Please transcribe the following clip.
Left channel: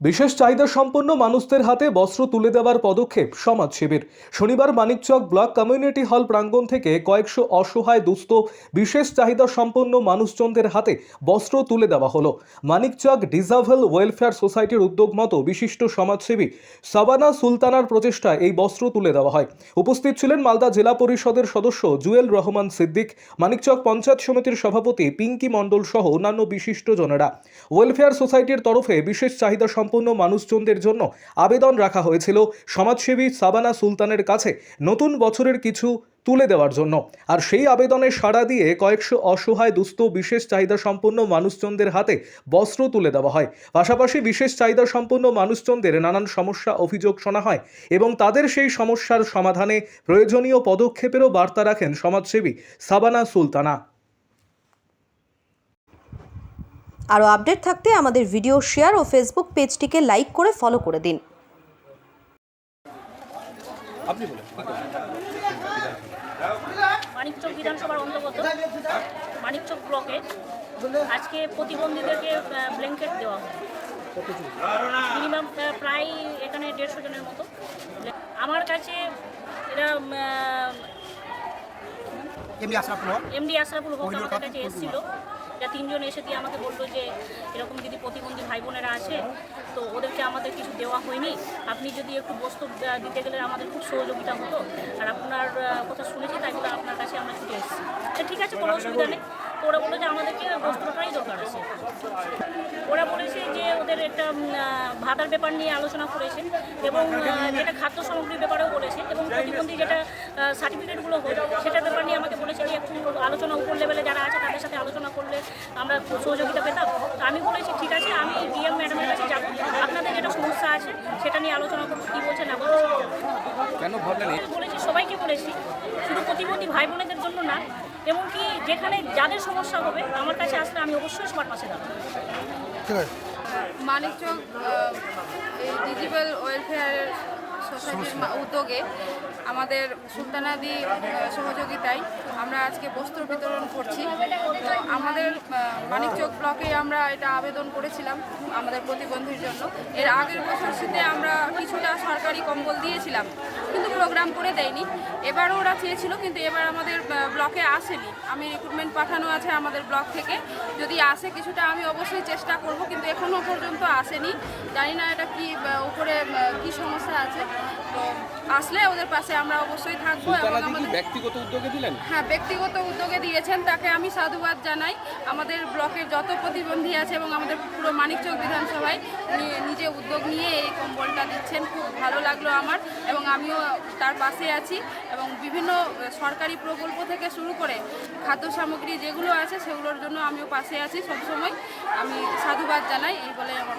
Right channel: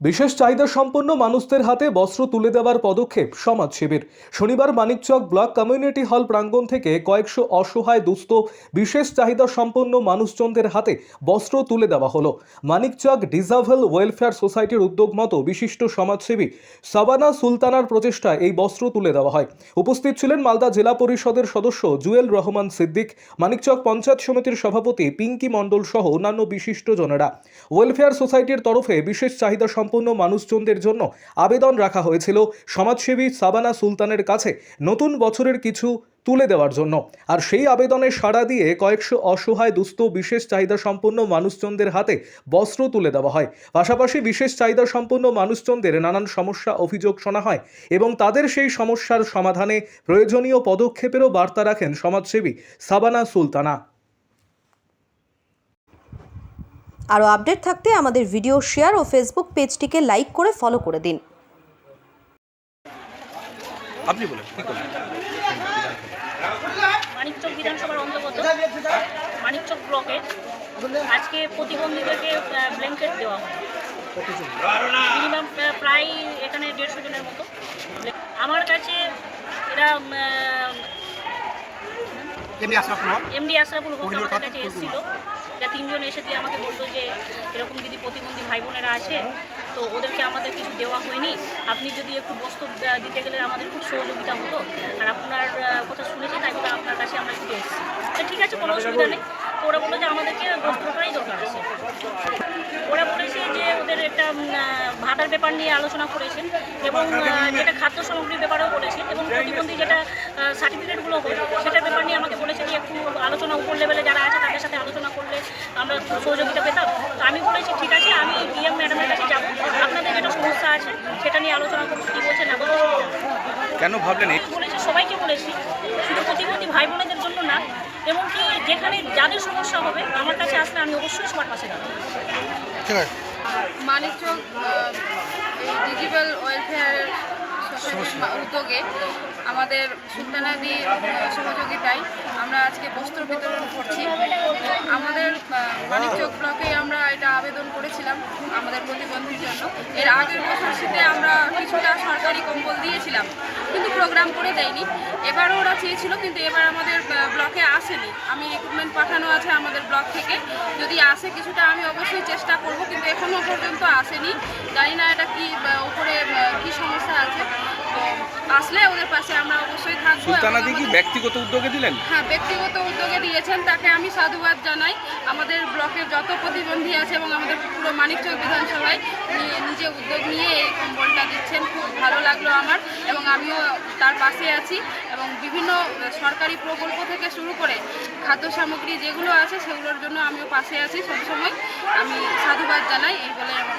বিশেষ চাহিদা সম্পন্ন মানুষদের হাতে বস্ত্র তুলে দেওয়ার পদক্ষেপ সমাজসেবীর। শনিবার মানিকচক ব্লক কমিউনিটি হল প্রাঙ্গণ থেকে কয়েকশো অসহায় দুস্থ বিশেষ চাহিদা সম্পন্ন মানুষজনদের হাতে বস্ত্র তুলে দেওয়া হলো। মানিকচক ডিজাভেল ওয়েলফেয়ার সোসাইটির উদ্যোগ মতো বিশিষ্ট সমাজসেবী সাবানা সুলতানার প্রচেষ্টায় এই বস্ত্র তুলে দেওয়া হয়। উপস্থিত ছিলেন মালদা জেলা পরিষদের সদস্য জুয়েল রহমান সিদ্দিক, মানিকচক পঞ্চায়েত সমিতির সভাপতি পিঙ্কি মণ্ডল সহ অন্যান্য বিশিষ্টজনেরা। ওয়েলফেয়ার সোসাইটির তরফে বিশেষ চাহিদা সম্পন্ন মানুষজনদের জন্য আবেদন রাখা হয়েছিল সমাজসেবী সাবানা সুলতানের কাছে নতুন বছরের কিছু তুলে দেওয়ার জন্য। আর সেই আবেদনে সাড়া দিয়ে কয়েকশো অসহায় দুস্থ বিশেষ চাহিদা সম্পন্ন মানুষজনদের হাতে বস্ত্র তুলে দেওয়া হয়। পাশাপাশি বিশেষ চাহিদা সম্পন্ন মানুষজনদের নানান সমস্যা অভিযোগ শোনা হয় এবং তাদের সেই সমস্যার সমাধানে প্রয়োজনীয় পদক্ষেপেরও বার্তা রাখেন সমাজসেবী সাবানা সুলতানা। আরও আপডেট থাকতে আমাদের ভিডিও শেয়ার ও ফেসবুক পেজটিকে লাইক করে ফলো করে দিন। আপনি বলেন মানিকচক বিধানসভার অন্তর্গত মানিকচক ব্লকে আজকে প্রতিবন্ধীদেরকে ব্ল্যাঙ্কেট দেওয়া হয়। মিনিমাম প্রায় এখানে 150 জনের মতো। আমার কাছে এরা এমডি আশরাফুল হক আমাদের কাছে এসেছিল। যা 3 জন এসে দিয়ে আমাকে বলতো যে এরকম দিদি প্রতিবন্ধী ভাই বোনেরা আছে, তো ওদেরকে আমাদের কিছু দেওয়া হয়নি, আপনি যদি একটু বস্তু দিতে গেলে আমাদের খুব সহযোগিতা হতো, আর আপনার কথা শুনেছি তাই বলে আপনার কাছে আমরা একটু এসেছি। ঠিক আছে, কোনো অসুবিধা নেই। তো ওরা বললো যে আমাদেরকে বস্ত্রটাই দরকার আছে। ওরা বলেছে যে ওদের একটা ভাতার ব্যাপার নিয়ে আলোচনা করেছেন এবং যেটা খাদ্য সামগ্রীর ব্যাপারেও বলেছেন এবং প্রতিবন্ধী যেটা সার্টিফিকেটগুলো হয় সেটার ব্যাপার নিয়ে আমাকে বলেছে যে একটু আলোচনা উপর লেভেলে যারা আছে তাদের সাথে আলোচনা করলে আমরা খুব সহযোগিতা পেতাম। তো আমি বলেছি ঠিক আছে, আমি ডিএম ম্যাডামের কাছে যাবো, আপনাদের যেটা সমস্যা আছে সেটা নিয়ে আলোচনা করবো, কী বলছে না বলছে। কেন ভাবলেন? বলেছি সবাইকে বলেছি, শুধু প্রতিবন্ধী ভাই বোনেদের জন্য না, এবং কি যেখানে যাদের সমস্যা হবে আমার কাছে আসলে আমি অবশ্যই সবার পাশে দাঁড়াবো। মানিকচক ডিজিটাল ওয়েলফেয়ারের সোসাইটির উদ্যোগে আমাদের সুলতানাদি সহযোগিতায় আমরা আজকে বস্ত্র বিতরণ করছি। তো আমাদের মানিকচক ব্লকে আমরা এটা আবেদন করেছিলাম আমাদের প্রতিবন্ধীর জন্য। এর আগের বছর শীতে আমরা কিছুটা সরকারি কম্বল দিয়েছিলাম, কিন্তু প্রোগ্রাম করে দেয়নি। এবারও ওরা চেয়েছিল, কিন্তু এবার আমাদের ব্লকে আসেনি। আমি রিক্রুটমেন্ট পাঠানো আছে আমাদের ব্লক থেকে, যদি আসে কিছুটা আমি অবশ্যই চেষ্টা করব, কিন্তু এখনও পর্যন্ত আসেনি। জানি না এটা কি উপরে কি সমস্যা আছে। তো আসলে ওদের পাশে আমরা অবশ্যই থাকবো। সুলতানাদি কি ব্যক্তিগত উদ্যোগে দিলেন? হ্যাঁ, ব্যক্তিগত উদ্যোগে দিয়েছেন, তাকে আমি সাধুবাদ জানাই। আমাদের ব্লকের যত প্রতিবন্ধী আছে এবং আমাদের পুরো মানিকচক বিধানসভায় নিজে উদ্যোগ নিয়ে এই কম্বলটা দিচ্ছেন, খুব ভালো লাগলো আমার, এবং আমিও তার পাশে আছি। এবং বিভিন্ন সরকারি প্রকল্প থেকে শুরু করে খাদ্য সামগ্রী যেগুলো আছে সেগুলোর জন্য আমিও পাশে আছি সবসময়। আমি সাধুবাদ জানাই, এই বলে আমার